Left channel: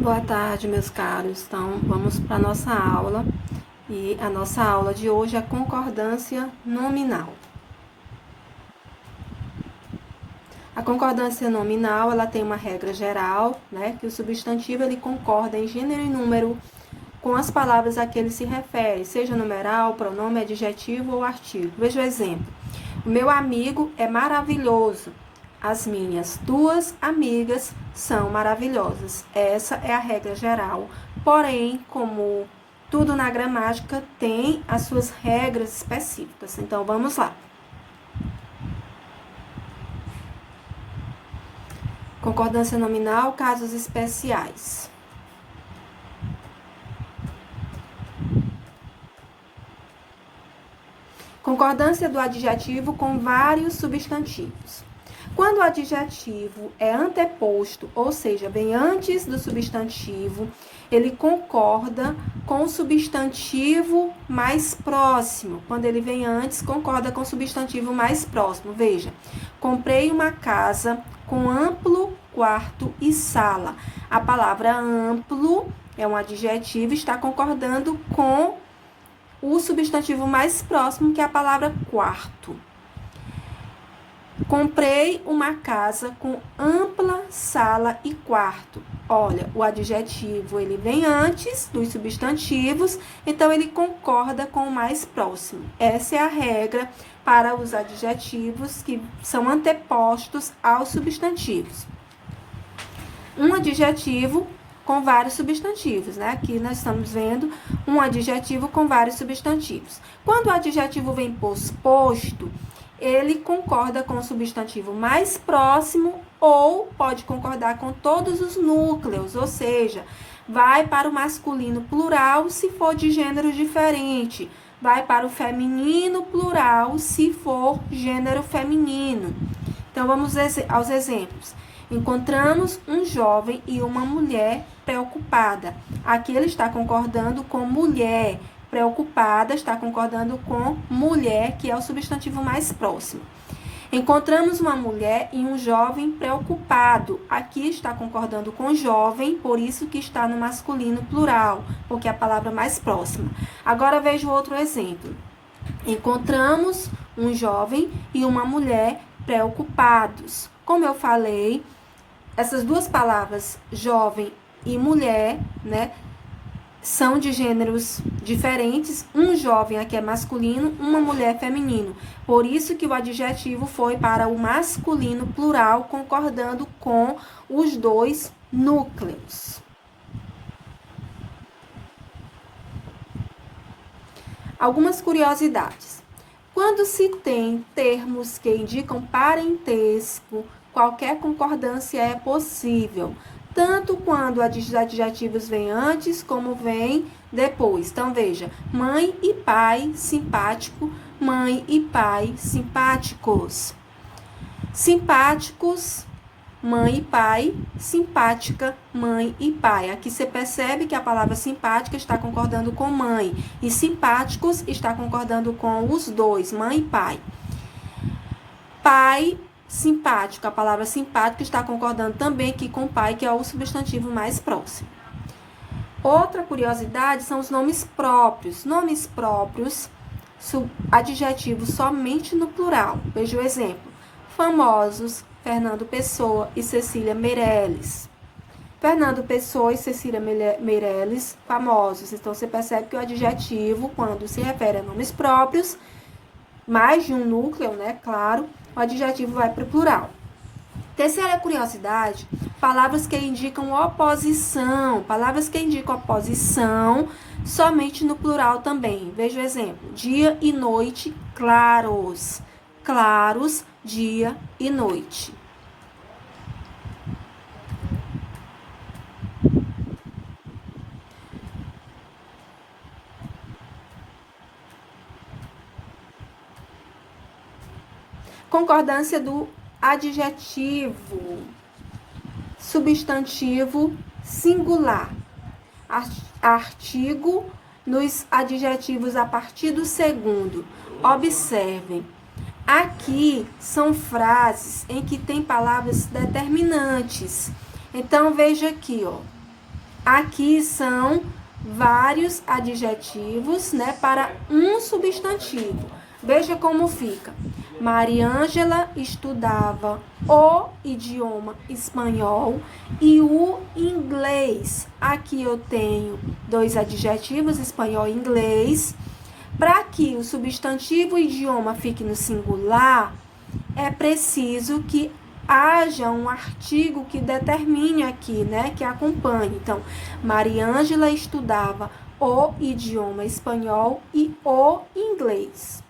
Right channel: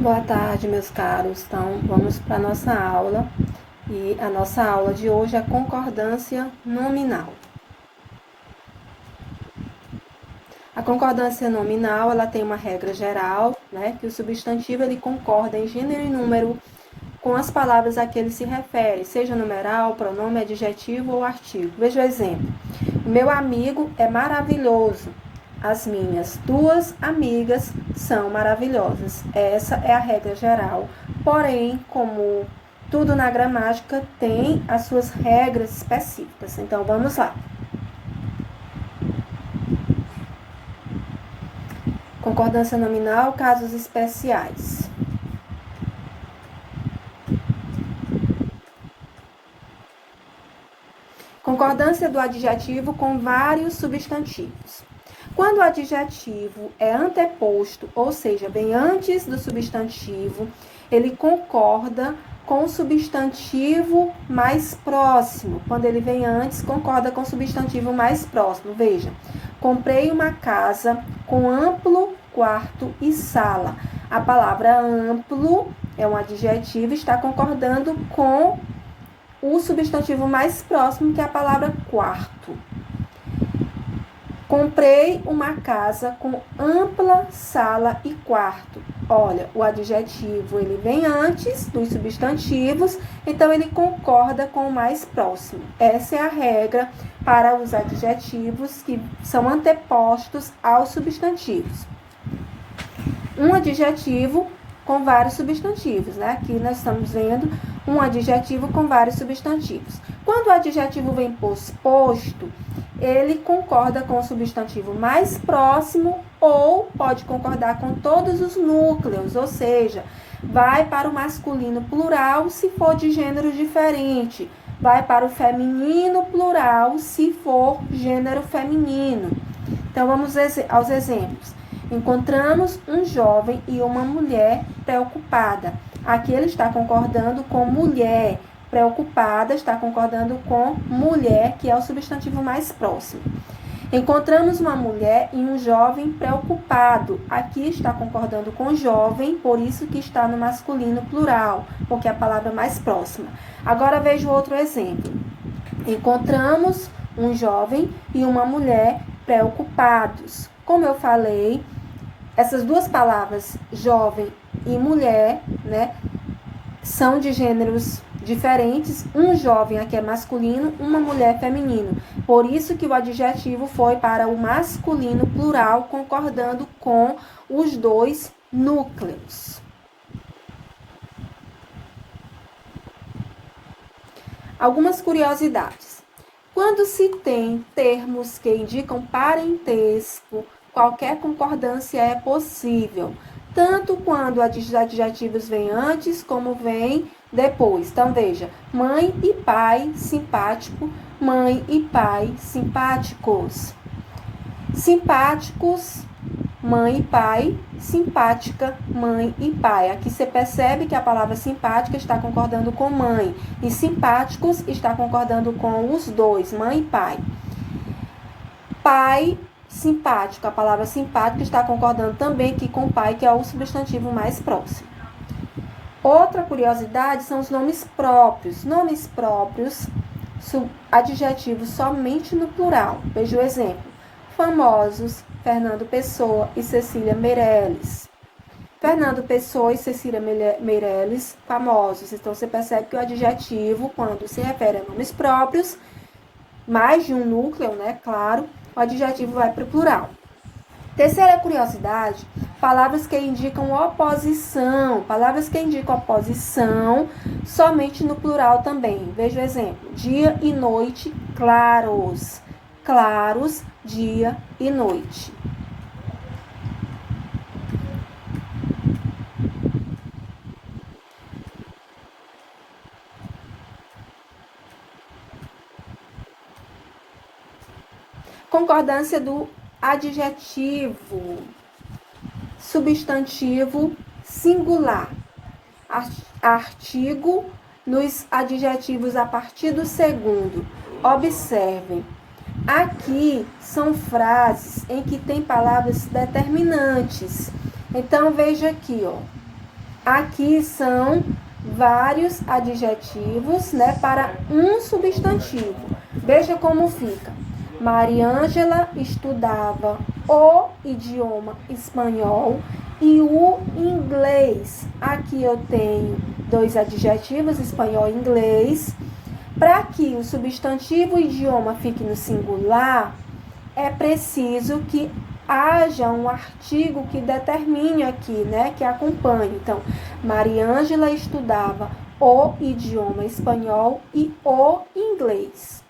Boa tarde, meus caros. Então, vamos para a nossa aula. E a nossa aula de hoje é concordância nominal. A concordância nominal, ela tem uma regra geral, né? Que o substantivo, ele concorda em gênero e número com as palavras a que ele se refere, seja numeral, pronome, adjetivo ou artigo. Veja o exemplo. O meu amigo é maravilhoso. As minhas duas amigas são maravilhosas. Essa é a regra geral. Porém, como tudo na gramática tem as suas regras específicas. Então, vamos lá. Concordância nominal, casos especiais. Concordância do adjetivo com vários substantivos. Quando o adjetivo é anteposto, ou seja, vem antes do substantivo, ele concorda com o substantivo mais próximo. Quando ele vem antes, concorda com o substantivo mais próximo. Veja, comprei uma casa com amplo quarto e sala. A palavra amplo é um adjetivo, está concordando com o substantivo mais próximo, que é a palavra quarto. Comprei uma casa com ampla sala e quarto. Olha, o adjetivo, ele vem antes dos substantivos, então ele concorda com o mais próximo. Essa é a regra para os adjetivos que são antepostos aos substantivos. Um adjetivo com vários substantivos, né? Aqui nós estamos vendo um adjetivo com vários substantivos. Quando o adjetivo vem posposto, ele concorda com o substantivo mais próximo ou pode concordar com todos os núcleos, ou seja, vai para o masculino plural se for de gênero diferente, vai para o feminino plural se for gênero feminino. Então, vamos aos exemplos. Encontramos um jovem e uma mulher preocupada. Aqui ele está concordando com mulher. Preocupada está concordando com mulher, que é o substantivo mais próximo. Encontramos uma mulher e um jovem preocupado. Aqui está concordando com jovem, por isso que está no masculino plural, porque é a palavra mais próxima. Agora veja outro exemplo. Encontramos um jovem e uma mulher preocupados. Como eu falei, essas duas palavras, jovem e mulher, né, são de gêneros diferentes. Um jovem aqui é masculino, uma mulher feminino. Por isso que o adjetivo foi para o masculino plural, concordando com os dois núcleos. Algumas curiosidades. Quando se tem termos que indicam parentesco, qualquer concordância é possível, tanto quando os adjetivos vêm antes como vêm depois. Então, veja, mãe e pai, simpático, mãe e pai, simpáticos. Simpáticos, mãe e pai, simpática, mãe e pai. Aqui você percebe que a palavra simpática está concordando com mãe e simpáticos está concordando com os dois, mãe e pai. Pai, simpático, a palavra simpático está concordando também aqui com pai, que é o substantivo mais próximo. Outra curiosidade são os nomes próprios. Nomes próprios, adjetivos somente no plural. Veja o exemplo. Famosos, Fernando Pessoa e Cecília Meirelles. Fernando Pessoa e Cecília Meirelles, famosos. Então, você percebe que o adjetivo, quando se refere a nomes próprios, mais de um núcleo, né, claro, o adjetivo vai para o plural. Terceira curiosidade, palavras que indicam oposição. Palavras que indicam oposição somente no plural também. Veja o exemplo. Dia e noite, claros. Claros, dia e noite. Concordância do adjetivo, substantivo singular, artigo nos adjetivos a partir do segundo. Observem, aqui são frases em que tem palavras determinantes. Então, veja aqui, ó. Aqui são vários adjetivos, né, para um substantivo. Veja como fica. Mariângela estudava o idioma espanhol e o inglês. Aqui eu tenho dois adjetivos, espanhol e inglês. Para que o substantivo idioma fique no singular, é preciso que haja um artigo que determine aqui, né, que acompanhe. Então, Mariângela estudava o idioma espanhol e o inglês.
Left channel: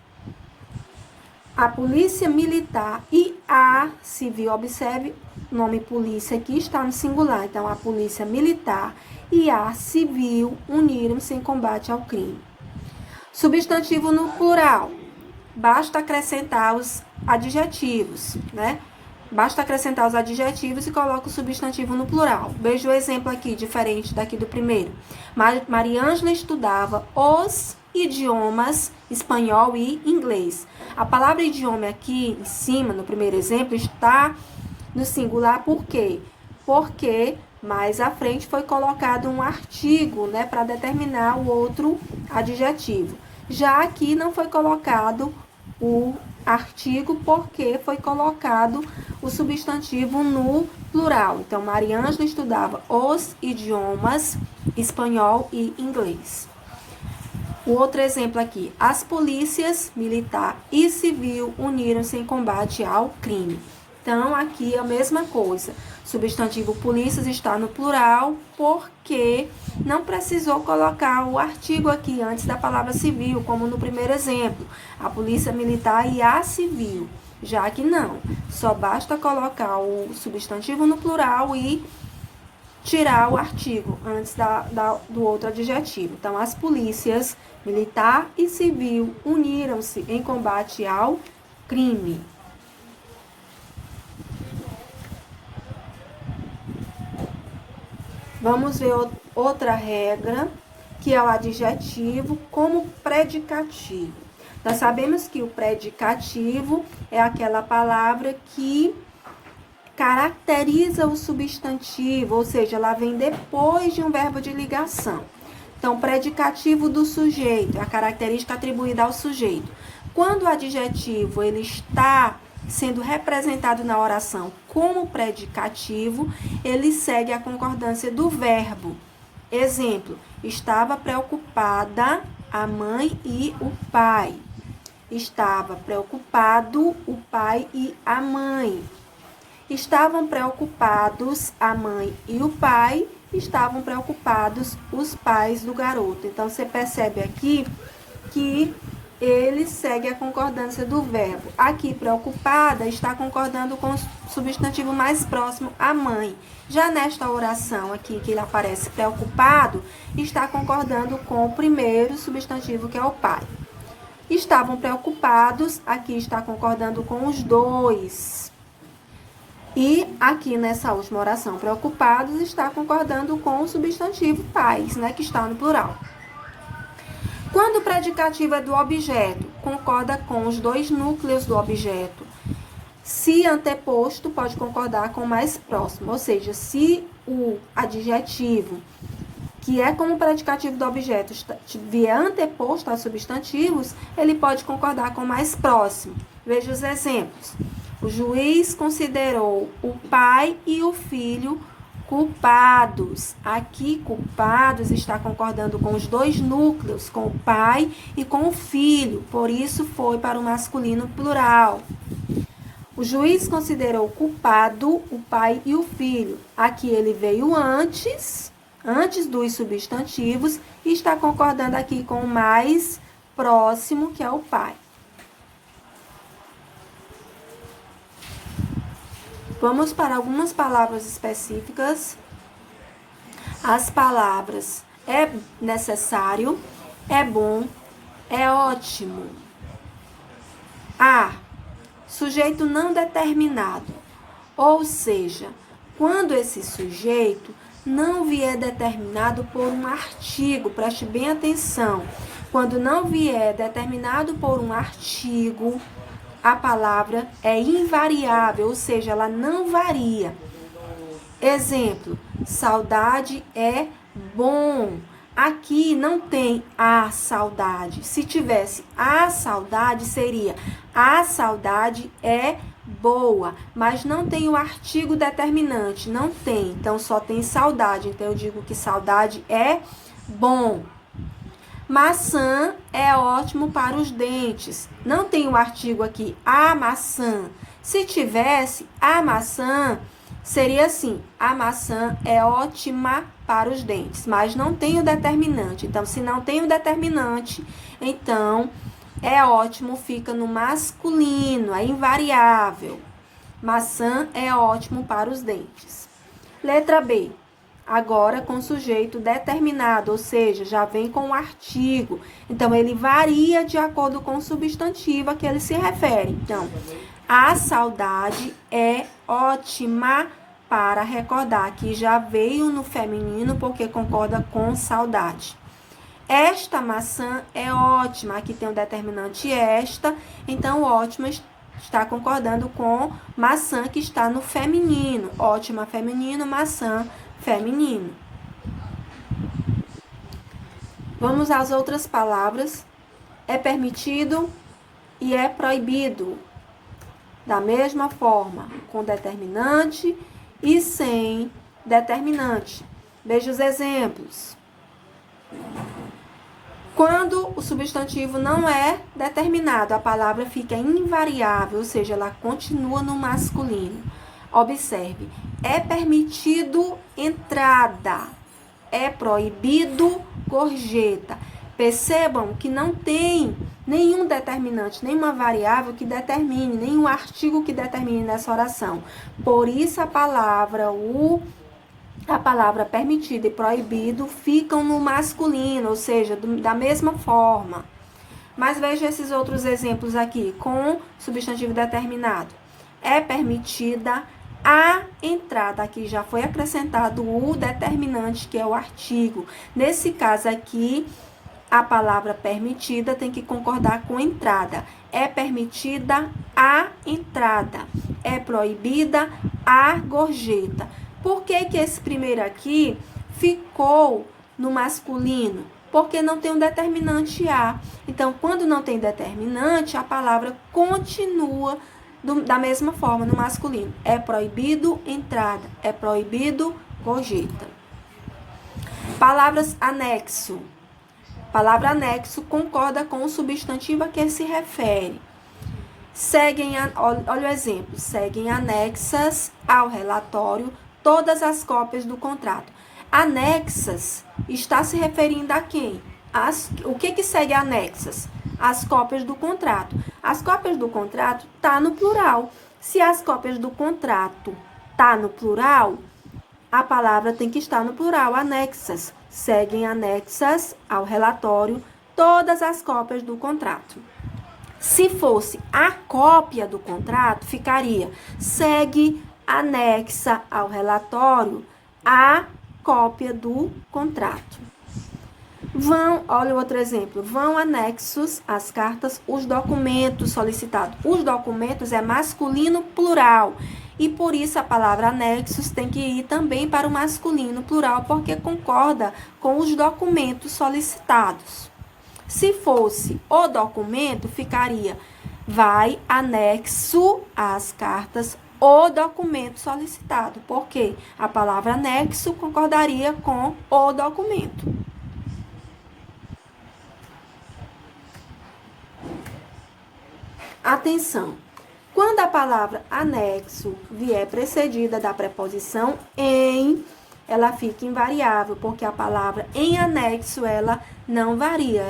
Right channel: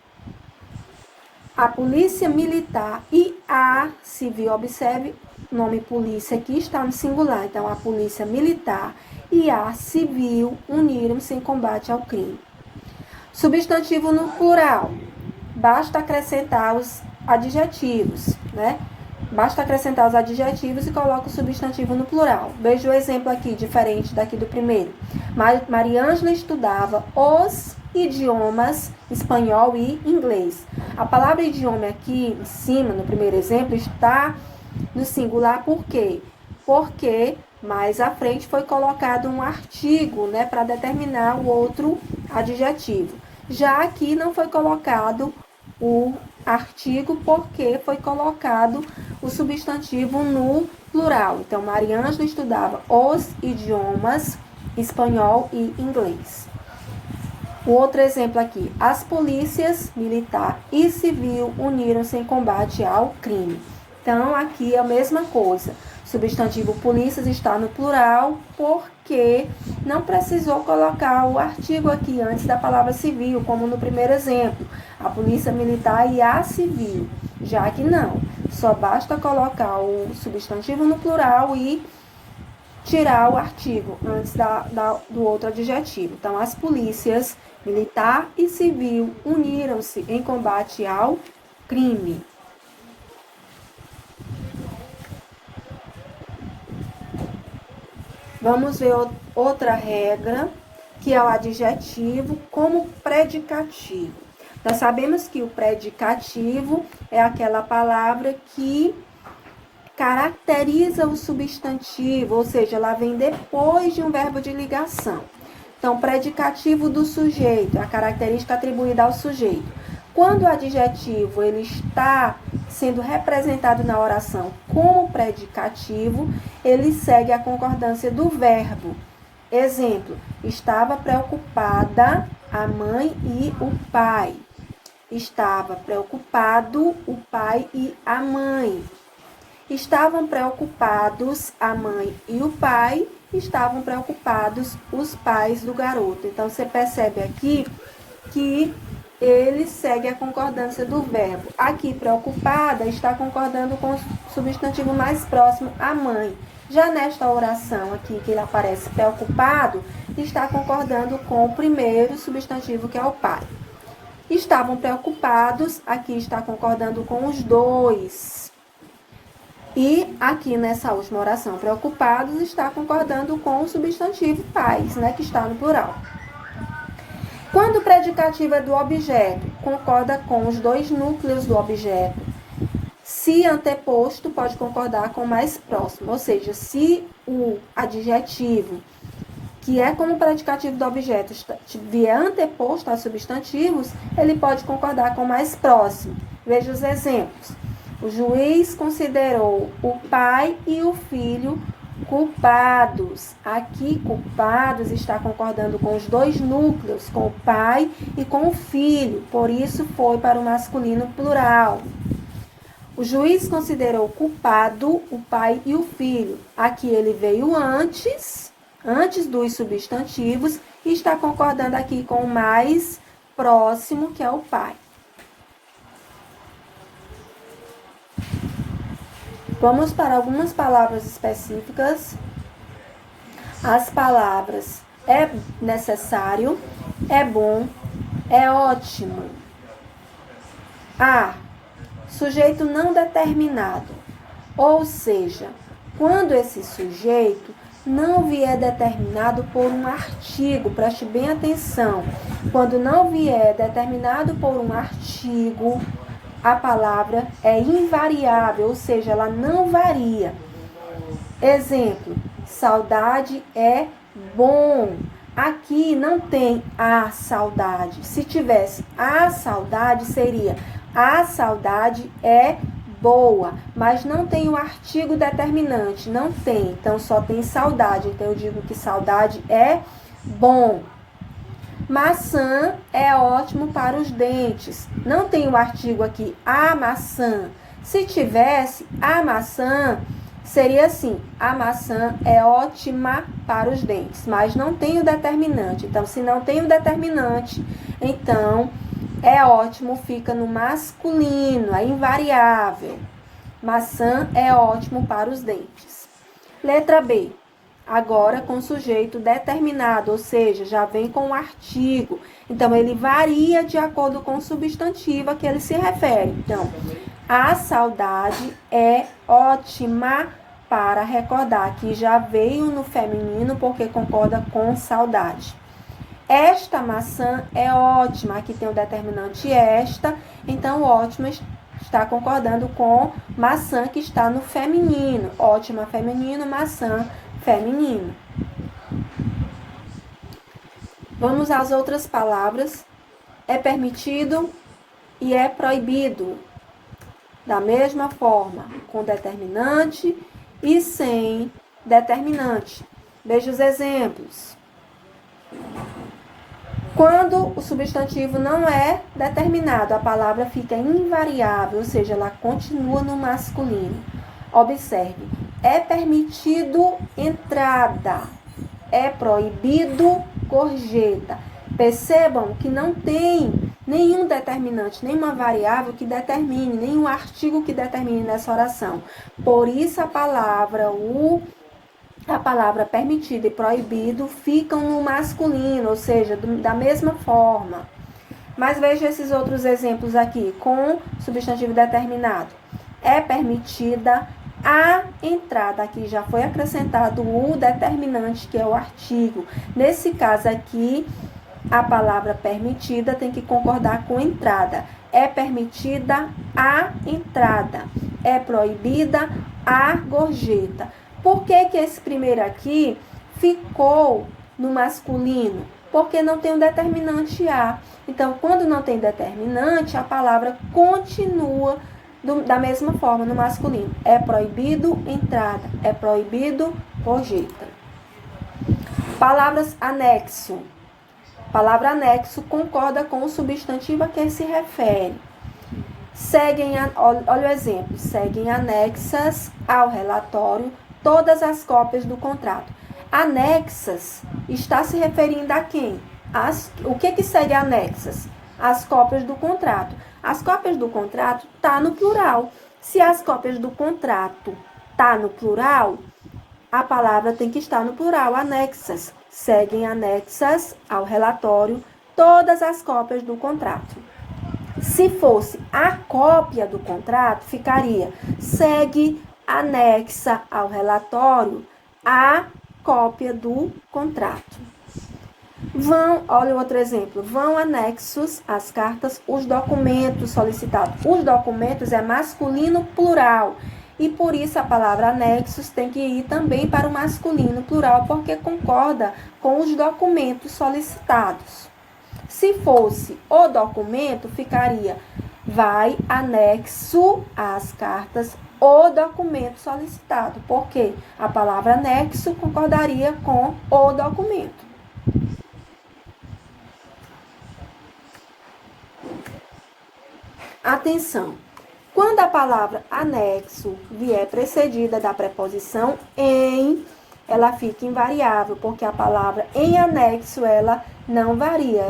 A polícia militar e a civil, observe, o nome polícia aqui está no singular. Então, a polícia militar e a civil uniram-se em combate ao crime. Substantivo no plural. Basta acrescentar os adjetivos, né? Basta acrescentar os adjetivos e coloca o substantivo no plural. Veja o exemplo aqui, diferente daqui do primeiro. Mariângela estudava os idiomas espanhol e inglês. A palavra idioma aqui em cima, no primeiro exemplo, está no singular por quê? Porque mais à frente foi colocado um artigo, né, para determinar o outro adjetivo. Já aqui não foi colocado o artigo porque foi colocado o substantivo no plural. Então, Mariângela estudava os idiomas espanhol e inglês. O outro exemplo aqui. As polícias militar e civil uniram-se em combate ao crime. Então, aqui é a mesma coisa. Substantivo polícias está no plural porque não precisou colocar o artigo aqui antes da palavra civil, como no primeiro exemplo, a polícia militar e a civil. Já que não, só basta colocar o substantivo no plural e tirar o artigo antes do outro adjetivo. Então, as polícias militar e civil uniram-se em combate ao crime. Vamos ver outra regra, que é o adjetivo como predicativo. Nós sabemos que o predicativo é aquela palavra que caracteriza o substantivo, ou seja, ela vem depois de um verbo de ligação. Então, predicativo do sujeito, é a característica atribuída ao sujeito. Quando o adjetivo ele está sendo representado na oração como predicativo, ele segue a concordância do verbo. Exemplo, estava preocupada a mãe e o pai. Estava preocupado o pai e a mãe. Estavam preocupados a mãe e o pai. Estavam preocupados os pais do garoto. Então, você percebe aqui que ele segue a concordância do verbo. Aqui, preocupada, está concordando com o substantivo mais próximo, a mãe. Já nesta oração aqui, que ele aparece preocupado, está concordando com o primeiro substantivo, que é o pai. Estavam preocupados, aqui está concordando com os dois. E aqui nessa última oração, preocupados, está concordando com o substantivo pais, né, que está no plural. Quando o predicativo é do objeto, concorda com os dois núcleos do objeto. Se anteposto, pode concordar com o mais próximo. Ou seja, se o adjetivo, que é como predicativo do objeto, vier anteposto aos substantivos, ele pode concordar com o mais próximo. Veja os exemplos. O juiz considerou o pai e o filho culpados. Aqui, culpados está concordando com os dois núcleos, com o pai e com o filho. Por isso, foi para o masculino plural. O juiz considerou culpado o pai e o filho. Aqui ele veio antes dos substantivos e está concordando aqui com o mais próximo, que é o pai. Vamos para algumas palavras específicas. As palavras é necessário, é bom, é ótimo. A. Sujeito não determinado. Ou seja, quando esse sujeito não vier determinado por um artigo, preste bem atenção. Quando não vier determinado por um artigo, a palavra é invariável, ou seja, ela não varia. Exemplo, Saudade é bom. Aqui não tem a saudade. Se tivesse a saudade, seria a saudade é boa. Mas não tem o artigo determinante. Não tem. Então, só tem saudade. Então, eu digo que saudade é bom. Maçã é ótimo para os dentes. Não tem o artigo aqui, a maçã. Se tivesse a maçã, seria assim, a maçã é ótima para os dentes, mas não tem o determinante. Então, se não tem o determinante, então é ótimo, fica no masculino, é invariável. Maçã é ótimo para os dentes. Letra B. Agora com sujeito determinado, ou seja, já vem com o artigo. Então, ele varia de acordo com o substantivo a que ele se refere. Então, a saudade é ótima para recordar, que já veio no feminino porque concorda com saudade. Esta maçã é ótima, aqui tem o determinante esta, então ótima está concordando com maçã que está no feminino. Ótima feminino, maçã feminino. Vamos às outras palavras. É permitido e é proibido. Da mesma forma, com determinante e sem determinante. Veja os exemplos. Quando o substantivo não é determinado, a palavra fica invariável, ou seja, ela continua no masculino. Observe, é permitido entrada, é proibido gorjeta. Percebam que não tem nenhum determinante, nenhuma variável que determine, nenhum artigo que determine nessa oração. Por isso a palavra permitido e proibido ficam no masculino, ou seja, da mesma forma. Mas veja esses outros exemplos aqui, com substantivo determinado. É permitida a entrada, aqui já foi acrescentado o determinante, que é o artigo. Nesse caso aqui, a palavra permitida tem que concordar com entrada. É permitida a entrada. É proibida a gorjeta. Por que que esse primeiro aqui ficou no masculino? Porque não tem um determinante a. Então, quando não tem determinante, a palavra continua da mesma forma no masculino. É proibido entrada. É proibido gorjeta. Palavras anexo. Palavra anexo concorda com o substantivo a que se refere. Olha o exemplo. Seguem anexas ao relatório todas as cópias do contrato. Anexas está se referindo a quem? O que segue anexas? As cópias do contrato. As cópias do contrato tá no plural. Se as cópias do contrato tá no plural, a palavra tem que estar no plural, anexas. Seguem anexas ao relatório todas as cópias do contrato. Se fosse a cópia do contrato, ficaria segue anexa ao relatório a cópia do contrato. Olha o outro exemplo, vão anexos às cartas os documentos solicitados. Os documentos é masculino plural. E por isso a palavra anexos tem que ir também para o masculino plural, porque concorda com os documentos solicitados. Se fosse o documento, ficaria vai anexo às cartas o documento solicitado, porque a palavra anexo concordaria com o documento. Atenção! Quando a palavra anexo vier precedida da preposição em, ela fica invariável, porque a palavra em anexo, ela não varia,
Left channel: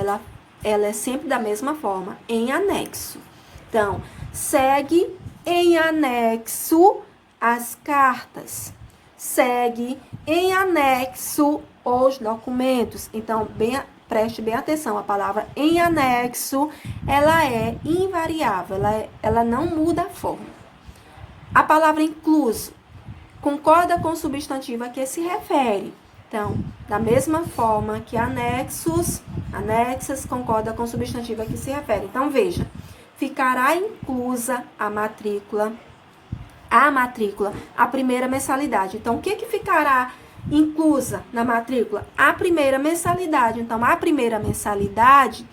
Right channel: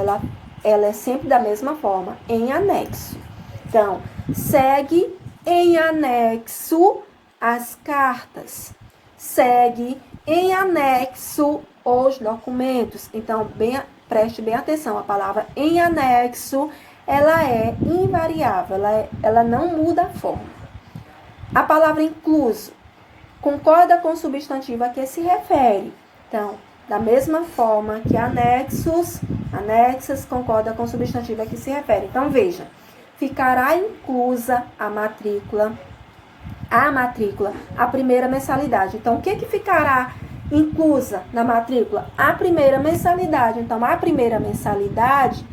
ela é sempre da mesma forma, em anexo. Então, segue em anexo as cartas, segue em anexo os documentos. Então, preste bem atenção, a palavra em anexo, ela é invariável, ela não muda a forma. A palavra incluso concorda com o substantivo a que se refere. Então, da mesma forma que anexas concorda com o substantivo a que se refere. Então, veja, ficará inclusa a matrícula, a primeira mensalidade. Então, o que ficará inclusa na matrícula? A primeira mensalidade. Então, a primeira mensalidade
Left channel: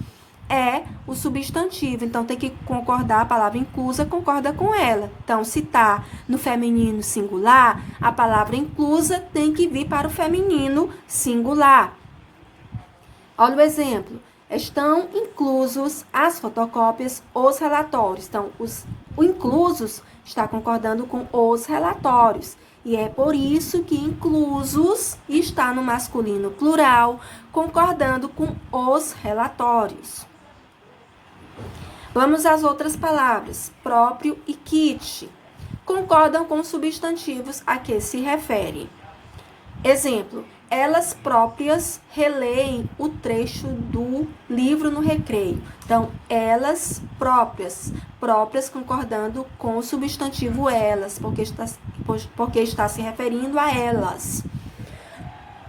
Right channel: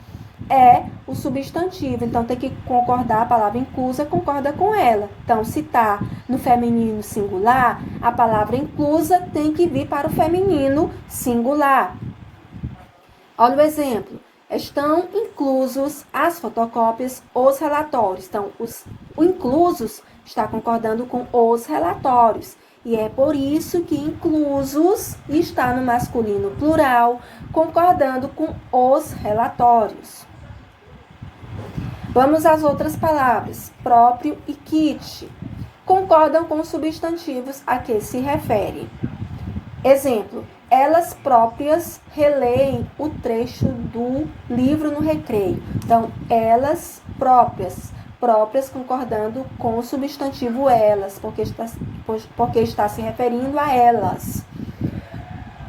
é o substantivo. Então, tem que concordar, a palavra inclusa concorda com ela. Então, se está no feminino singular, a palavra inclusa tem que vir para o feminino singular. Olha o exemplo. Estão inclusos as fotocópias, os relatórios. Então, o inclusos está concordando com os relatórios. E é por isso que inclusos está no masculino plural, concordando com os relatórios. Vamos às outras palavras. Próprio e kit. Concordam com os substantivos a que se refere. Exemplo. Elas próprias releem o trecho do livro no recreio. Então, elas próprias concordando com o substantivo elas, porque está se referindo a elas.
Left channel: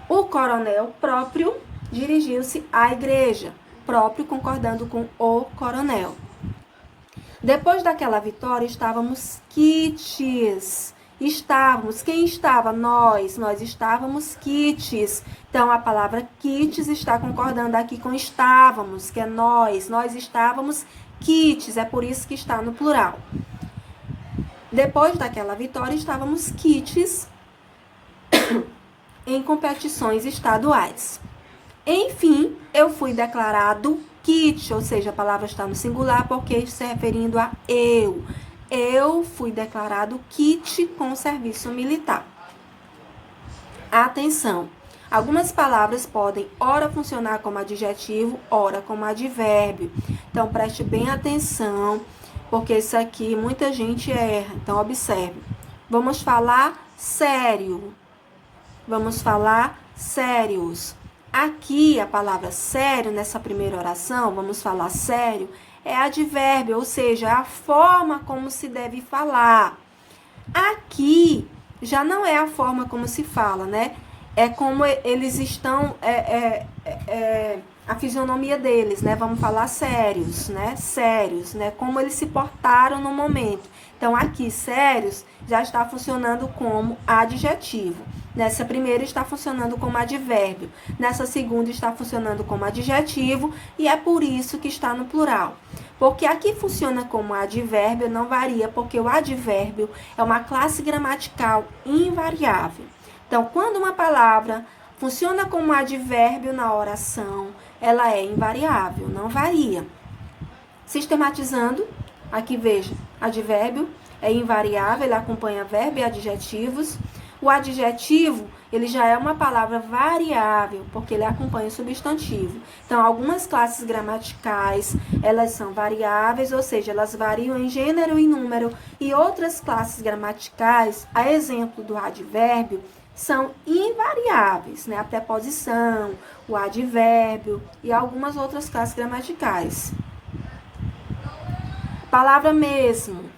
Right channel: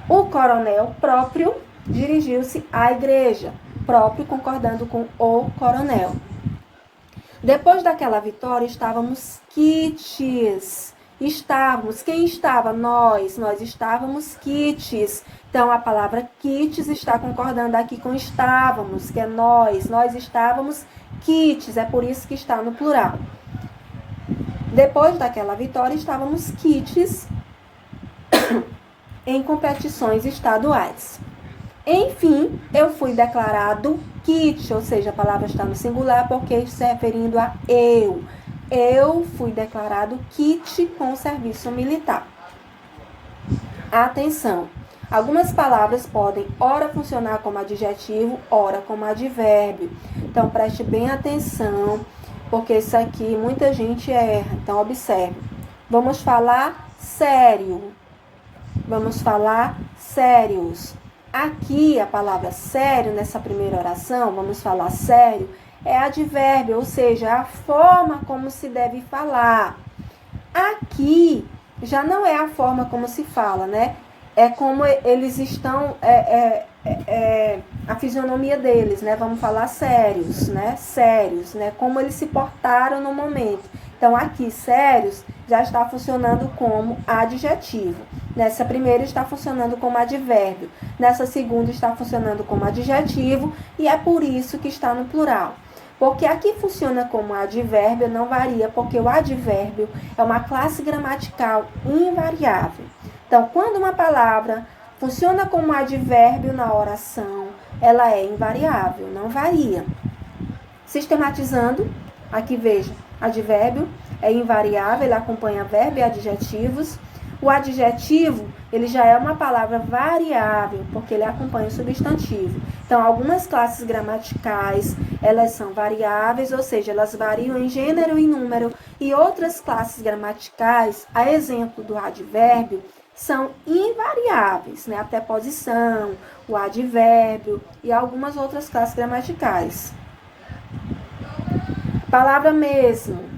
O coronel próprio dirigiu-se à igreja, próprio concordando com o coronel. Depois daquela vitória, estávamos quites. Quem estava? Nós estávamos quites. Então, a palavra quites está concordando aqui com estávamos, que é nós estávamos quites, é por isso que está no plural. Depois daquela vitória, estávamos quites em competições estaduais. Enfim, eu fui declarado quite, ou seja, a palavra está no singular porque está se referindo a eu. Eu fui declarado quite com o serviço militar. Atenção! Algumas palavras podem ora funcionar como adjetivo, ora como advérbio. Então, preste bem atenção, porque isso aqui muita gente erra. Então, observe. Vamos falar sério. Vamos falar sérios. Aqui, a palavra sério, nessa primeira oração, vamos falar sério, é advérbio, ou seja, é a forma como se deve falar. Aqui, já não é a forma como se fala, né? É como eles estão, a fisionomia deles, né? Vamos falar sérios, né? Sérios, né? Como eles se portaram no momento. Então, aqui, sérios, já está funcionando como adjetivo. Nessa primeira está funcionando como advérbio. Nessa segunda está funcionando como adjetivo. E é por isso que está no plural. Porque aqui funciona como advérbio, não varia, porque o advérbio é uma classe gramatical invariável. Então, quando uma palavra funciona como advérbio na oração, ela é invariável, não varia. Sistematizando, aqui veja, advérbio é invariável, ele acompanha verbo e adjetivos. O adjetivo, ele já é uma palavra variável, porque ele acompanha o substantivo. Então, algumas classes gramaticais, elas são variáveis, ou seja, elas variam em gênero e número. E outras classes gramaticais, a exemplo do advérbio, são invariáveis, né? A preposição, o advérbio e algumas outras classes gramaticais. Palavra mesmo.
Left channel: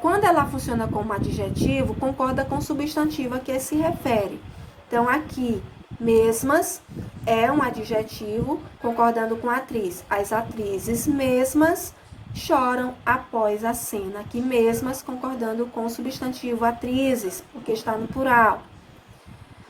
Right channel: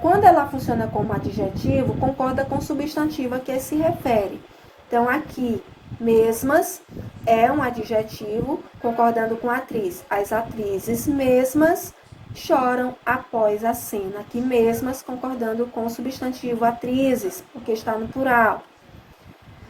Quando ela funciona como adjetivo, concorda com o substantivo a que se refere. Então, aqui, mesmas é um adjetivo concordando com a atriz. As atrizes mesmas choram após a cena. Aqui, mesmas concordando com o substantivo atrizes, porque está no plural.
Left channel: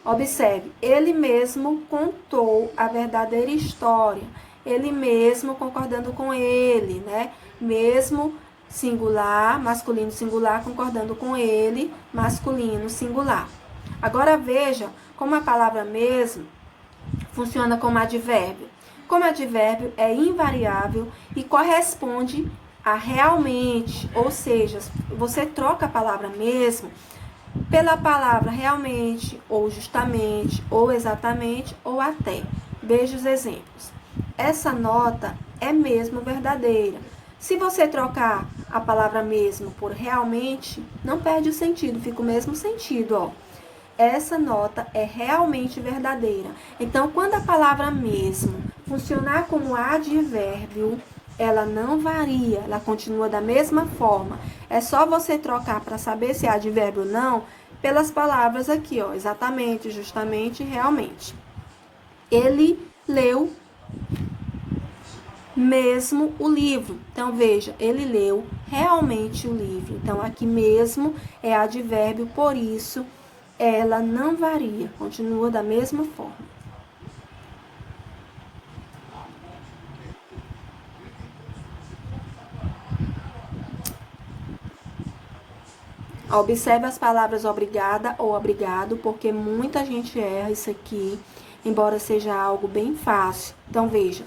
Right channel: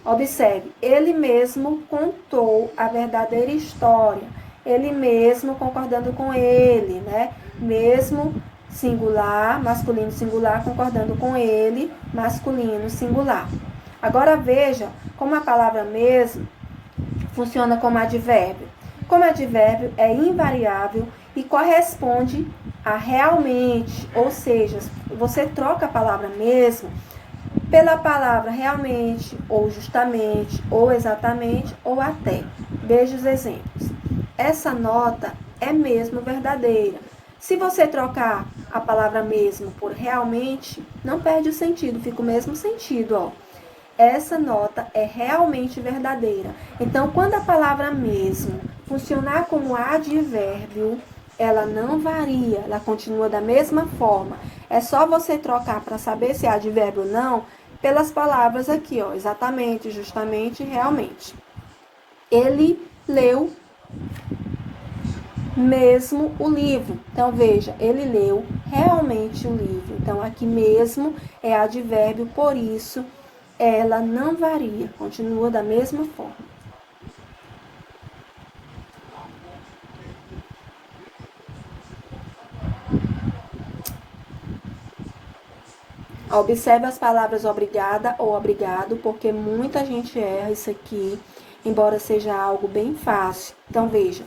Observe, ele mesmo contou a verdadeira história. Ele mesmo concordando com ele, né? Mesmo singular, masculino singular, concordando com ele, masculino singular. Agora veja como a palavra mesmo funciona como advérbio. Como advérbio é invariável e corresponde a realmente, ou seja, você troca a palavra mesmo pela palavra realmente, ou justamente, ou exatamente, ou até. Veja os exemplos. Essa nota é mesmo verdadeira. Se você trocar a palavra mesmo por realmente, não perde o sentido, fica o mesmo sentido, ó. Essa nota é realmente verdadeira. Então, quando a palavra mesmo funcionar como advérbio, ela não varia, ela continua da mesma forma. É só você trocar para saber se é advérbio ou não, pelas palavras aqui, ó, exatamente, justamente, realmente. Ele leu mesmo o livro. Então, veja, ele leu realmente o livro. Então, aqui mesmo é advérbio, por isso ela não varia, continua da mesma forma. Observe as palavras obrigada ou obrigado, porque muita gente erra isso aqui, embora seja algo bem fácil. Então, veja,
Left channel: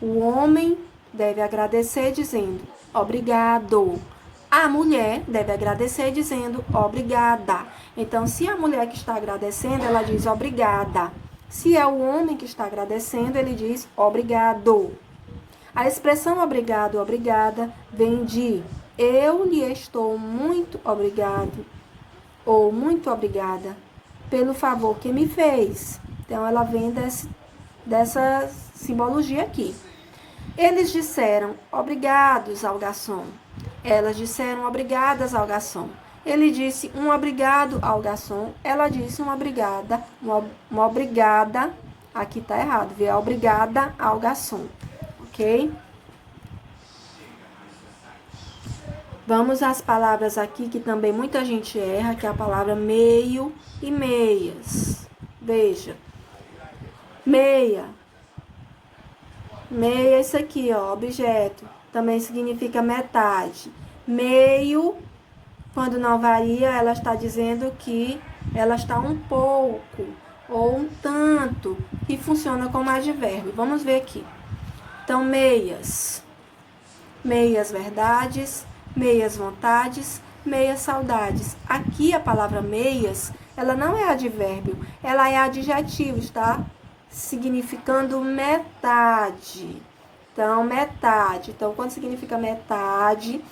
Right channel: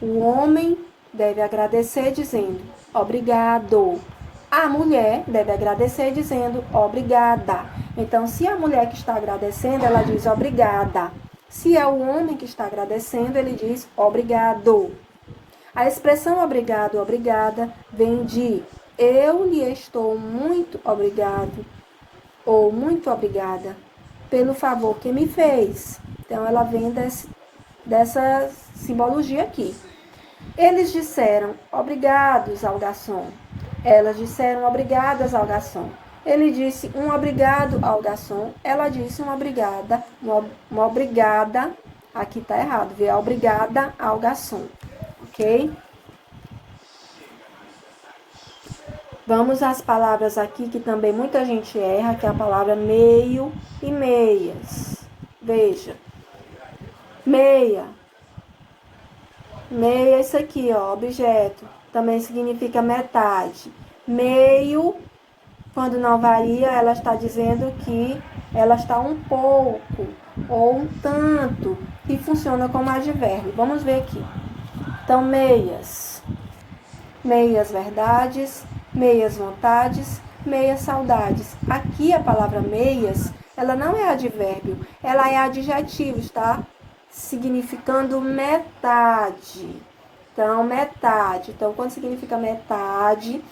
o homem deve agradecer dizendo obrigado. A mulher deve agradecer dizendo obrigada. Então, se a mulher que está agradecendo, ela diz obrigada. Se é o homem que está agradecendo, ele diz obrigado. A expressão obrigado, obrigada, vem de eu lhe estou muito obrigado ou muito obrigada pelo favor que me fez. Então, ela vem dessa simbologia aqui. Eles disseram obrigados ao garçom. Elas disseram obrigadas ao garçom. Ele disse um obrigado ao garçom. Ela disse uma obrigada. Uma obrigada. Aqui tá errado, viu? Obrigada ao garçom. Ok? Vamos às palavras aqui que também muita gente erra, que é a palavra meio e meias. Veja. Meia. Meia é isso aqui, ó, objeto. Também significa metade. Meio, quando não varia, ela está dizendo que ela está um pouco ou um tanto, que funciona como advérbio. Vamos ver aqui. Então, meias. Meias verdades, meias vontades, meias saudades. Aqui a palavra meias, ela não é advérbio, ela é adjetivo, está significando metade. Então, metade. Então, quando significa metade,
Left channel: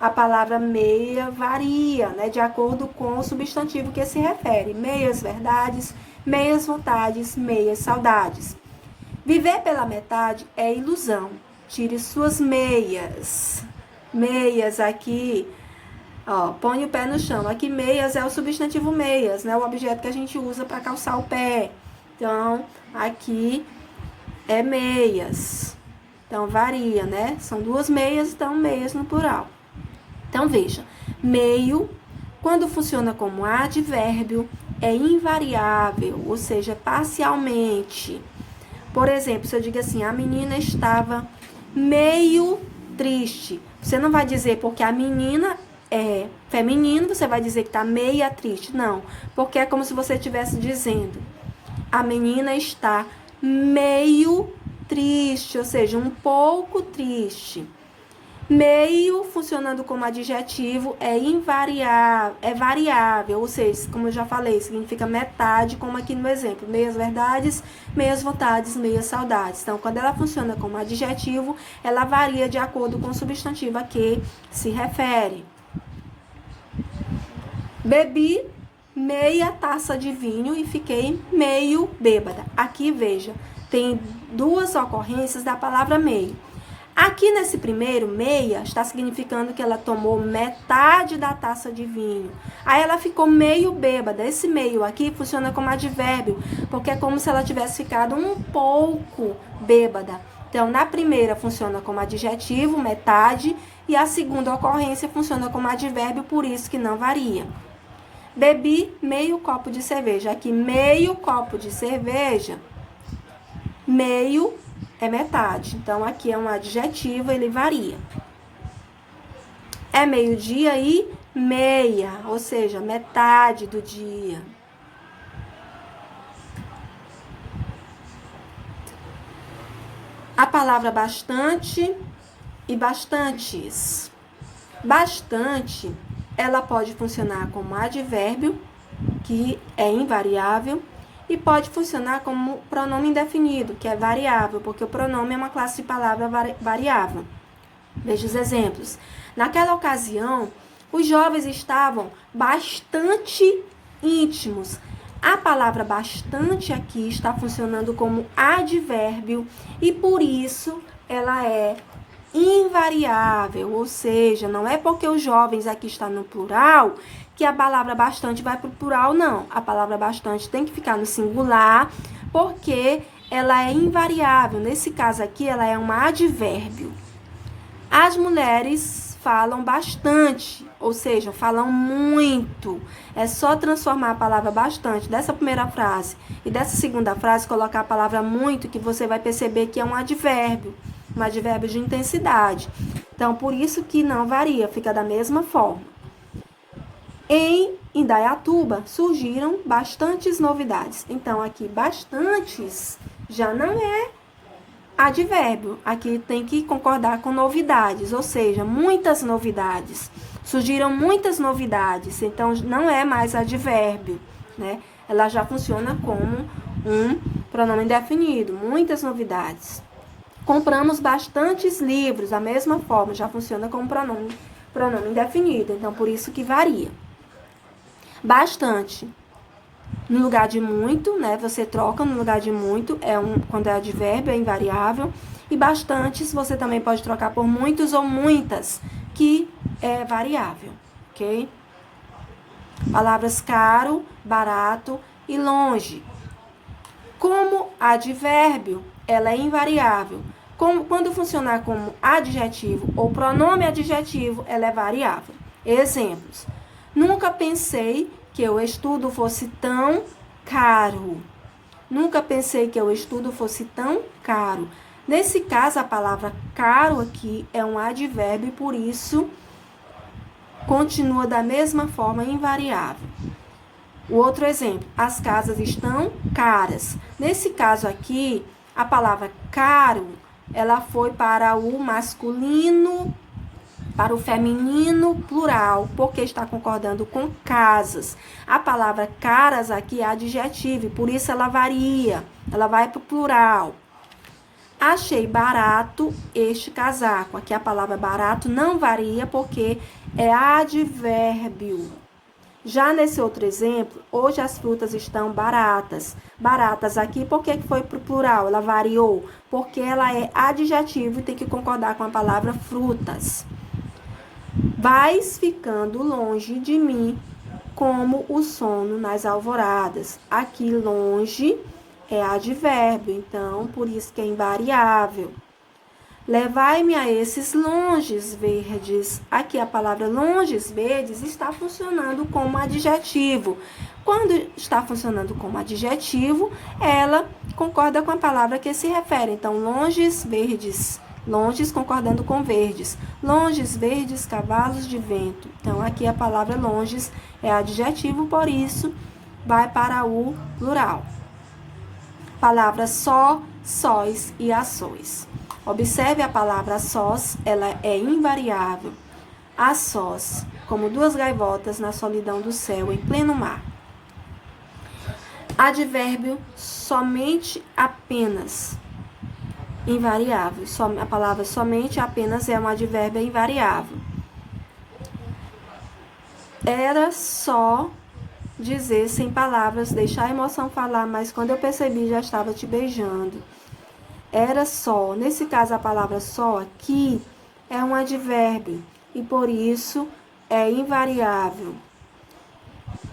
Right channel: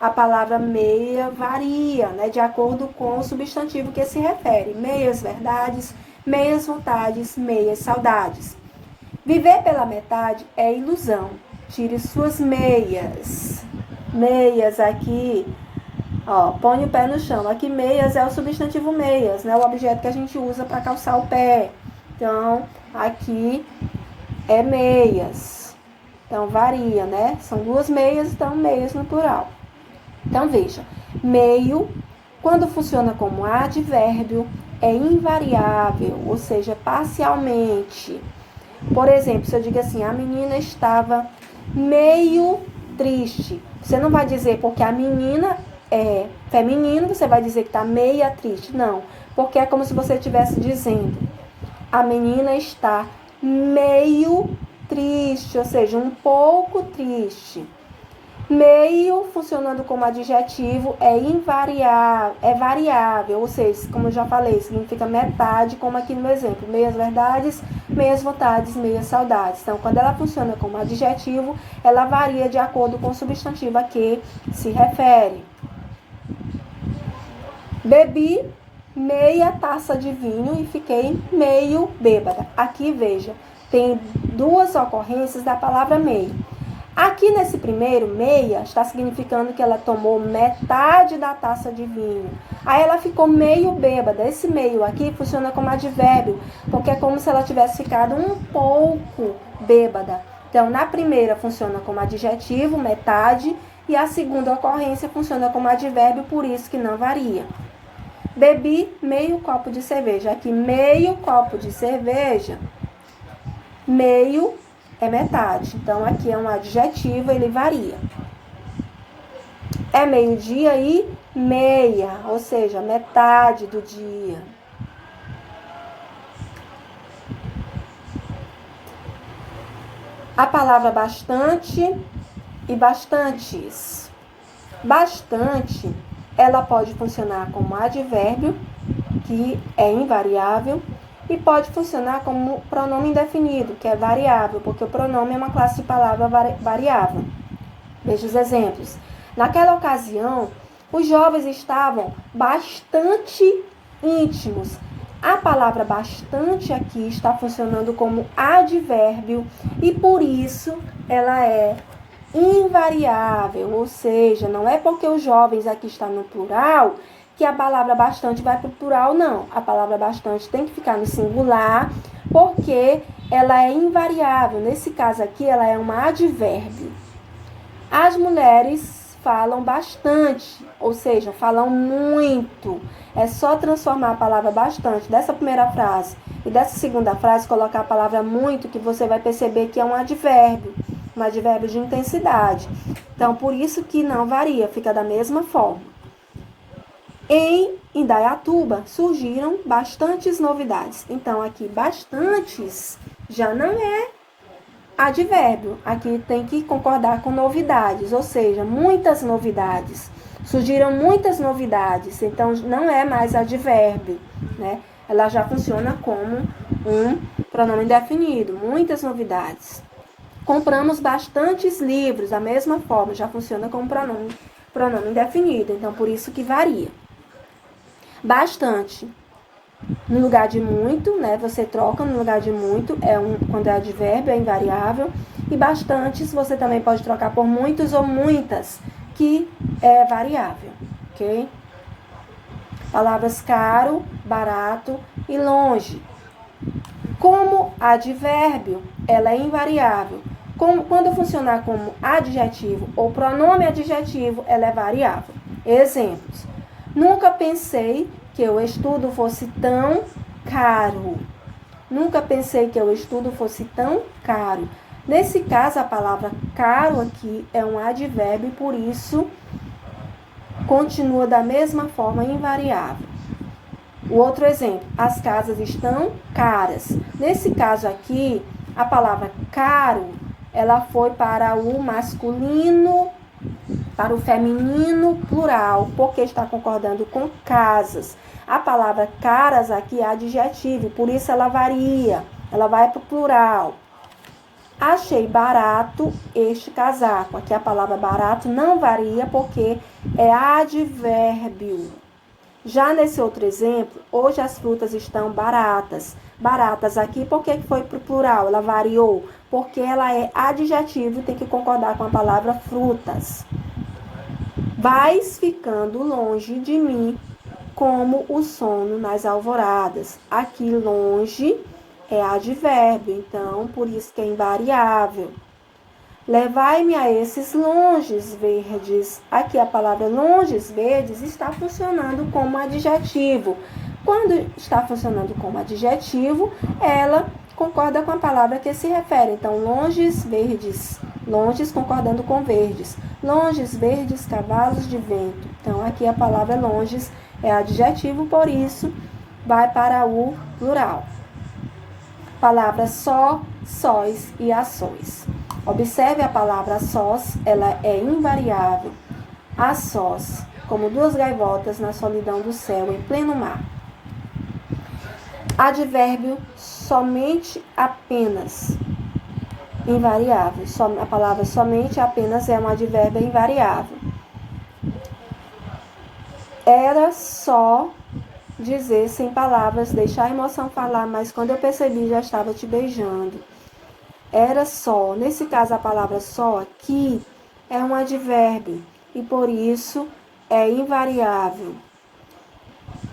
a palavra meia varia, né, de acordo com o substantivo que se refere. Meias verdades, meias vontades, meias saudades. Viver pela metade é ilusão. Tire suas meias. Meias aqui, ó, põe o pé no chão. Aqui meias é o substantivo meias, né, o objeto que a gente usa para calçar o pé. Então, aqui é meias. Então, varia, né? São duas meias, então meias no plural. Então, veja, meio, quando funciona como advérbio, é invariável, ou seja, parcialmente. Por exemplo, se eu digo assim, a menina estava meio triste. Você não vai dizer porque a menina é feminino, você vai dizer que está meia triste. Não, porque é como se você estivesse dizendo, a menina está meio triste, ou seja, um pouco triste. Meio, funcionando como adjetivo, é invariável, é variável, ou seja, como eu já falei, significa metade, como aqui no exemplo, meias verdades, meias vontades, meias saudades. Então, quando ela funciona como adjetivo, ela varia de acordo com o substantivo a que se refere. Bebi meia taça de vinho e fiquei meio bêbada. Aqui, veja, tem duas ocorrências da palavra meio. Aqui nesse primeiro, meia, está significando que ela tomou metade da taça de vinho. Aí ela ficou meio bêbada. Esse meio aqui funciona como advérbio, porque é como se ela tivesse ficado um pouco bêbada. Então, na primeira funciona como adjetivo, metade, e a segunda ocorrência funciona como advérbio, por isso que não varia. Bebi meio copo de cerveja. Aqui, meio copo de cerveja, meio é metade. Então, aqui é um adjetivo, ele varia. É meio-dia e meia, ou seja, metade do dia. A palavra bastante e bastantes. Bastante, ela pode funcionar como advérbio, que é invariável, e pode funcionar como pronome indefinido, que é variável, porque o pronome é uma classe de palavra variável. Veja os exemplos. Naquela ocasião, os jovens estavam bastante íntimos. A palavra bastante aqui está funcionando como advérbio e, por isso, ela é invariável, ou seja, não é porque os jovens aqui estão no plural que a palavra bastante vai para o plural, não. A palavra bastante tem que ficar no singular, porque ela é invariável. Nesse caso aqui, ela é um advérbio. As mulheres falam bastante, ou seja, falam muito. É só transformar a palavra bastante dessa primeira frase e dessa segunda frase, colocar a palavra muito, que você vai perceber que é um advérbio de intensidade. Então, por isso que não varia, fica da mesma forma. Em Indaiatuba surgiram bastantes novidades. Então, aqui, bastantes já não é advérbio. Aqui tem que concordar com novidades, ou seja, muitas novidades. Surgiram muitas novidades, então não é mais advérbio, né? Ela já funciona como um pronome indefinido, muitas novidades. Compramos bastantes livros, da mesma forma, já funciona como pronome indefinido, então por isso que varia. Bastante. No lugar de muito, né? Você troca no lugar de muito, quando é advérbio, é invariável. E bastantes, você também pode trocar por muitos ou muitas, que é variável, ok? Palavras caro, barato e longe. Como advérbio, ela é invariável. Quando funcionar como adjetivo ou pronome adjetivo, ela é variável. Exemplos. Nunca pensei que o estudo fosse tão caro. Nunca pensei que o estudo fosse tão caro. Nesse caso, a palavra caro aqui é um advérbio, por isso continua da mesma forma invariável. O outro exemplo, as casas estão caras. Nesse caso aqui, a palavra caro, ela foi para o masculino, para o feminino plural, porque está concordando com casas. A palavra caras aqui é adjetivo, por isso ela varia, ela vai para o plural. Achei barato este casaco. Aqui a palavra barato não varia porque é advérbio. Já nesse outro exemplo, hoje as frutas estão baratas. Baratas aqui, por que foi para o plural? Ela variou, porque ela é adjetivo e tem que concordar com a palavra frutas. Vais ficando longe de mim como o sono nas alvoradas. Aqui longe é advérbio, então por isso que é invariável. Levai-me a esses longes verdes. Aqui a palavra longes verdes está funcionando como adjetivo. Quando está funcionando como adjetivo, ela concorda com a palavra que se refere. Então, longes verdes. Longes concordando com verdes. Longes verdes, cavalos de vento. Então, aqui a palavra longes é adjetivo, por isso vai para o plural. Palavras só, sóis e a sós. Observe a palavra sós, ela é invariável. A sós, como duas gaivotas na solidão do céu em pleno mar. Advérbio somente, apenas. Invariável. A palavra somente, apenas é um advérbio invariável. Era só dizer sem palavras, deixar a emoção falar, mas quando eu percebi já estava te beijando. Era só. Nesse caso, a palavra só aqui é um advérbio e por isso é invariável.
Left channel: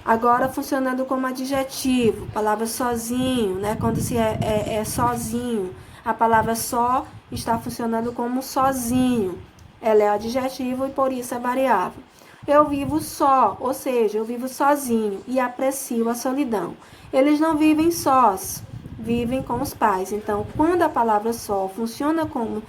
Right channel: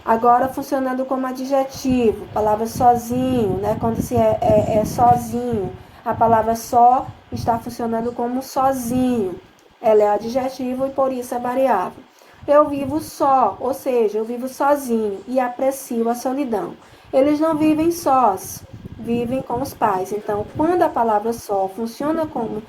Agora, funcionando como adjetivo, palavra sozinho, né? Quando se é sozinho, a palavra só está funcionando como sozinho. Ela é adjetivo e por isso é variável. Eu vivo só, ou seja, eu vivo sozinho e aprecio a solidão. Eles não vivem sós, vivem com os pais. Então, quando a palavra só funciona como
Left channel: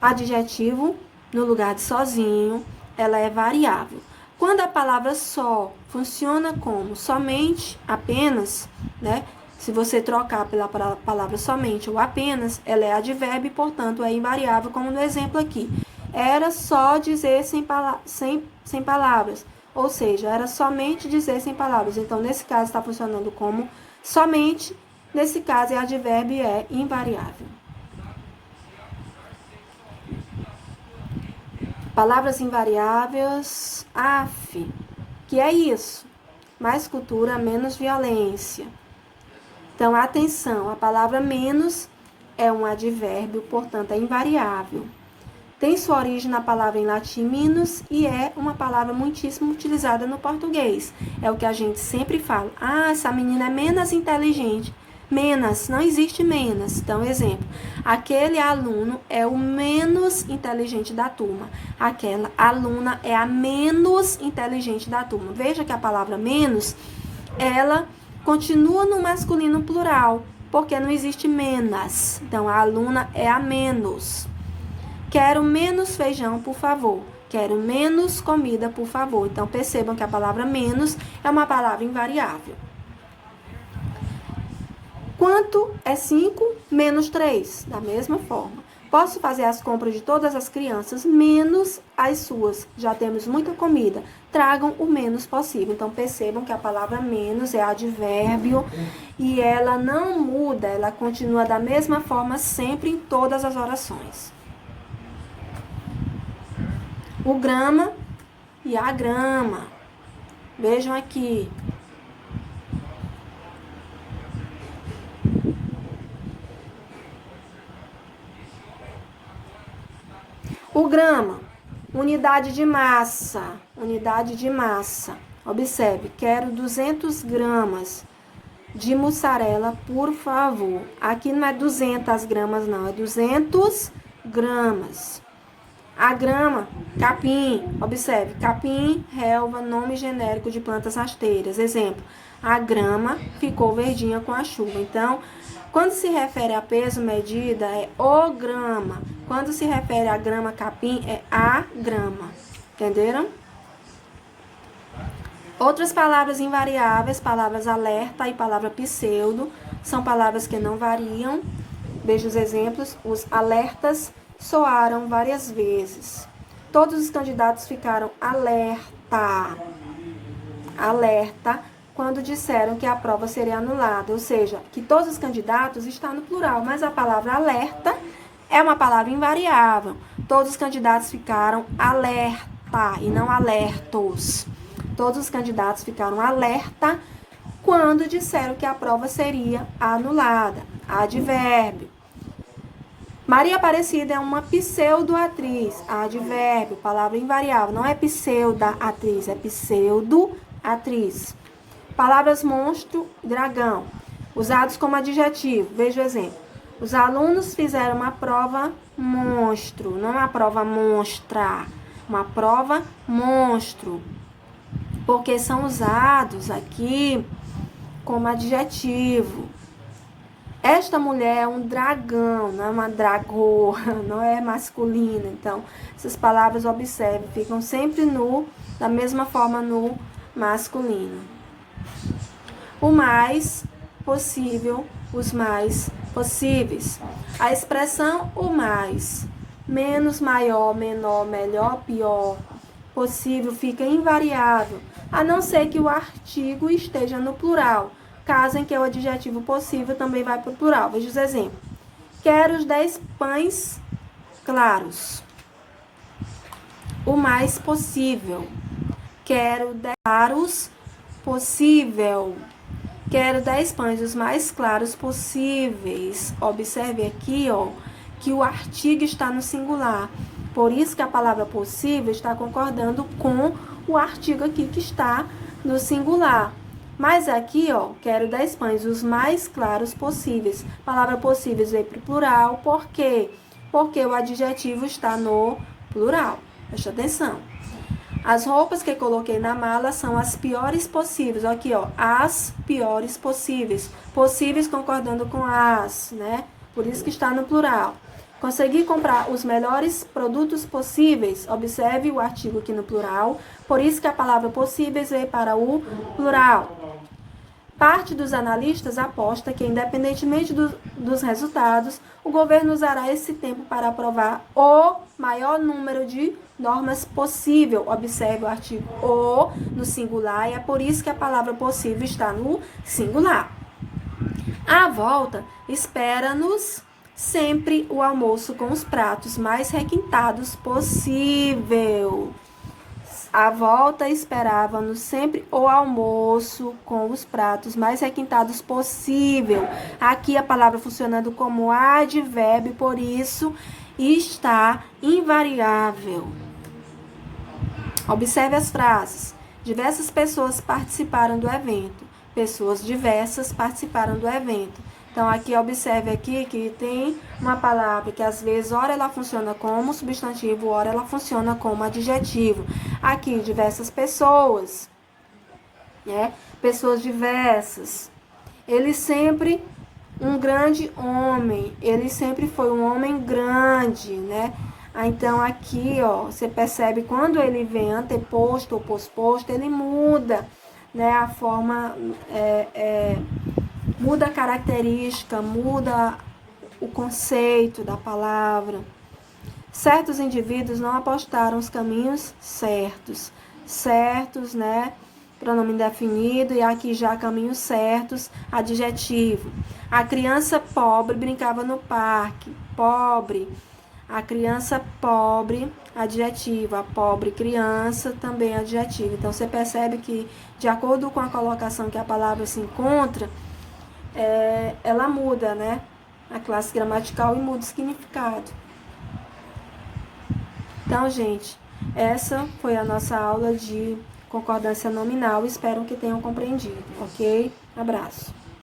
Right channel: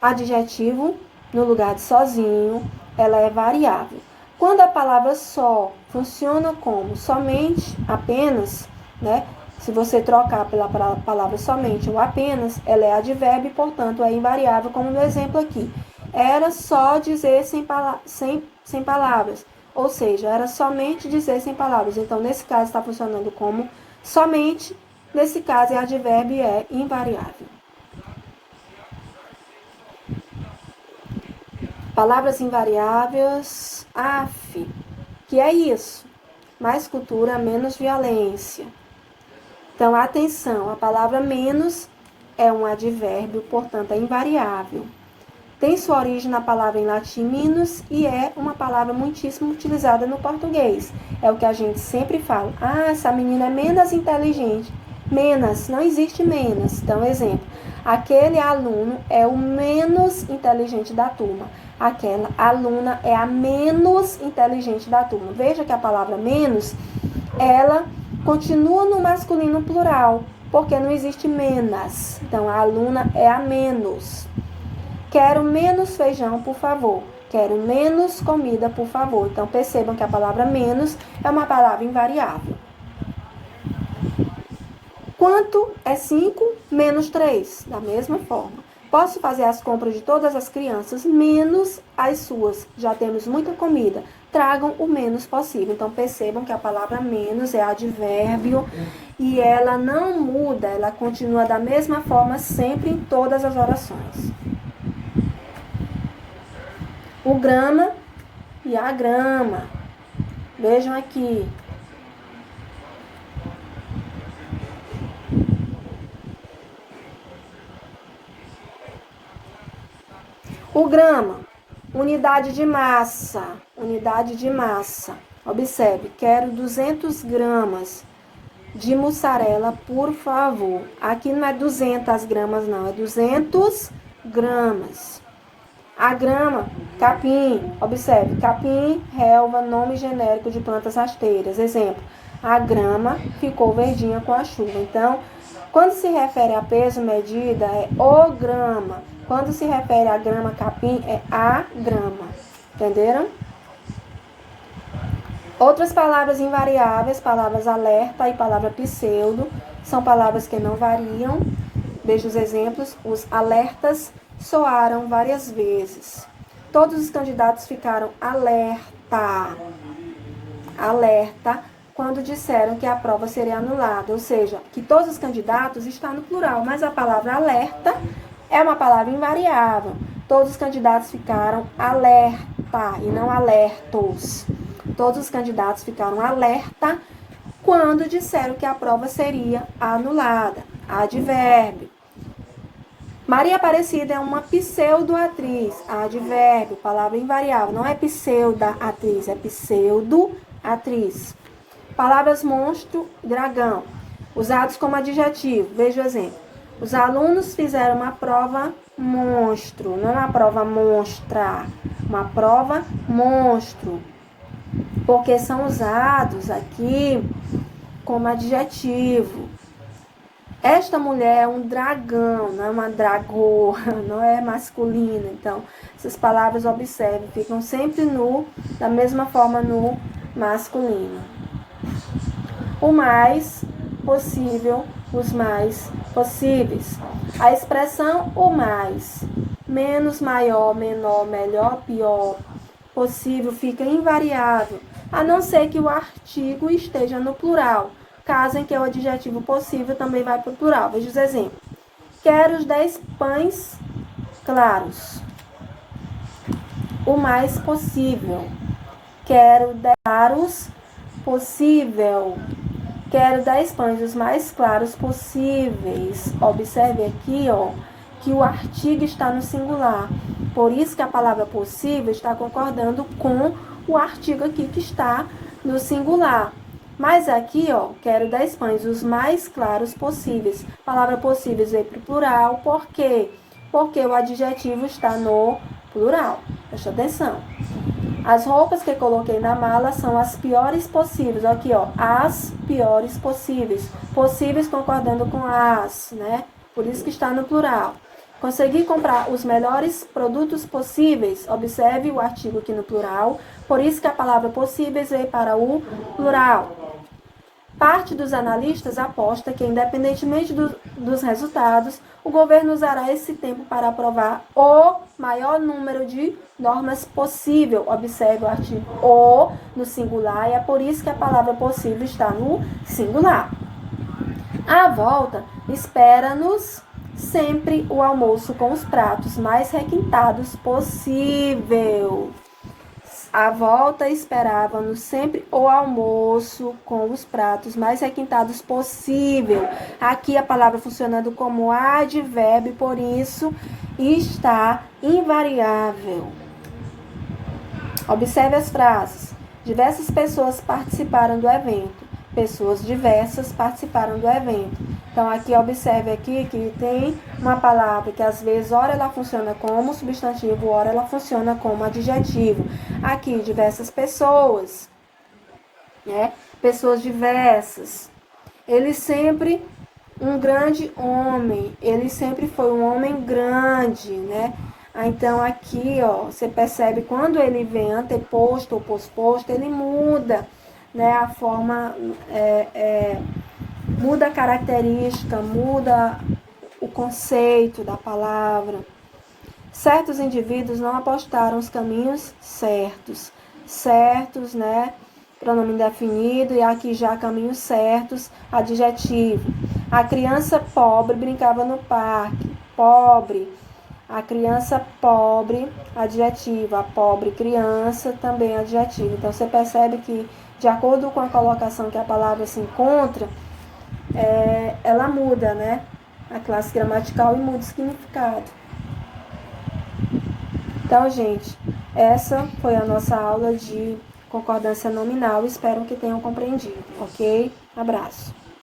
adjetivo, no lugar de sozinho, ela é variável. Quando a palavra só funciona como somente, apenas, né? Se você trocar pela palavra somente ou apenas, ela é advérbio e, portanto, é invariável, como no exemplo aqui. Era só dizer sem palavras, ou seja, era somente dizer sem palavras. Então, nesse caso, está funcionando como somente, nesse caso, é advérbio e é invariável. Palavras invariáveis, af, que é isso? Mais cultura, menos violência. Então, atenção, a palavra menos é um advérbio, portanto, é invariável. Tem sua origem na palavra em latim minus e é uma palavra muitíssimo utilizada no português. É o que a gente sempre fala. Ah, essa menina é menos inteligente. Menos, não existe menos. Então, exemplo, aquele aluno é o menos inteligente da turma. Aquela aluna é a menos inteligente da turma. Veja que a palavra menos, ela continua no masculino plural, porque não existe menos. Então, a aluna é a menos. Quero menos feijão, por favor. Quero menos comida, por favor. Então, percebam que a palavra menos é uma palavra invariável. Quanto é 5 menos 3? Da mesma forma. Posso fazer as compras de todas as crianças, menos as suas. Já temos muita comida. Tragam o menos possível. Então, percebam que a palavra menos é advérbio e ela não muda, ela continua da mesma forma sempre em todas as orações. O grama e a grama. Vejam aqui. O grama, unidade de massa. Unidade de massa. Observe, quero 200 gramas de mussarela, por favor. Aqui não é 200 gramas, não. É 200 gramas. A grama, capim, observe, capim, relva, nome genérico de plantas rasteiras. Exemplo, a grama ficou verdinha com a chuva. Então, quando se refere a peso, medida, é o grama. Quando se refere a grama, capim, é a grama. Entenderam? Outras palavras invariáveis, palavras alerta e palavra pseudo, são palavras que não variam. Veja os exemplos, os alertas soaram várias vezes. Todos os candidatos ficaram alerta quando disseram que a prova seria anulada, ou seja, que todos os candidatos estão no plural, mas a palavra alerta é uma palavra invariável. Todos os candidatos ficaram alerta e não alertos. Todos os candidatos ficaram alerta quando disseram que a prova seria anulada. Advérbio. Maria Aparecida é uma pseudo-atriz. Advérbio, palavra invariável. Não é pseudo-atriz, é pseudo-atriz. Palavras monstro e dragão, usados como adjetivo. Veja o exemplo. Os alunos fizeram uma prova monstro, não uma prova monstra, uma prova monstro. Porque são usados aqui como adjetivo. Esta mulher é um dragão, não é uma dragoa, não é masculina. Então, essas palavras, observe, ficam sempre da mesma forma no masculino. O mais possível, os mais possíveis. A expressão o mais, menos, maior, menor, melhor, pior, possível, fica invariável, a não ser que o artigo esteja no plural. Caso em que o adjetivo possível também vai para o plural. Veja os exemplos. Quero os 10 pães claros. O mais possível. Quero 10 claros possível. Quero 10 pães os mais claros possíveis. Observe aqui, que o artigo está no singular. Por isso que a palavra possível está concordando com o artigo aqui que está no singular. Mas aqui, quero 10 pães os mais claros possíveis. A palavra possíveis veio para o plural. Por quê? Porque o adjetivo está no plural. Presta atenção. As roupas que coloquei na mala são as piores possíveis. Aqui, as piores possíveis. Possíveis concordando com as, né? Por isso que está no plural. Consegui comprar os melhores produtos possíveis. Observe o artigo aqui no plural. Por isso que a palavra possíveis veio para o plural. Parte dos analistas aposta que, independentemente dos resultados, o governo usará esse tempo para aprovar o maior número de normas possível. Observe o artigo o no singular, e é por isso que a palavra possível está no singular. À volta, espera-nos sempre o almoço com os pratos mais requintados possível. À volta, esperávamos sempre o almoço com os pratos mais requintados possível. Aqui a palavra funcionando como advérbio, por isso está invariável. Observe as frases. Diversas pessoas participaram do evento. Pessoas diversas participaram do evento. Então, aqui, observe aqui que tem uma palavra que, às vezes, ora ela funciona como substantivo, ora ela funciona como adjetivo. Aqui, diversas pessoas, né? Pessoas diversas. Ele sempre, um grande homem, ele sempre foi um homem grande, né? Então, aqui, ó, você percebe quando ele vem anteposto ou posposto, ele muda, né? A forma, muda a característica, muda o conceito da palavra. Certos indivíduos não apostaram os caminhos certos. Certos, né? Pronome indefinido, e aqui já caminhos certos, adjetivo. A criança pobre brincava no parque. Pobre. A criança pobre, adjetivo. A pobre criança, também adjetivo. Então, você percebe que, de acordo com a colocação que a palavra se encontra, ela muda, né? A classe gramatical e muda o significado. Então, gente, essa foi a nossa aula de concordância nominal. Espero que tenham compreendido, ok? Abraço.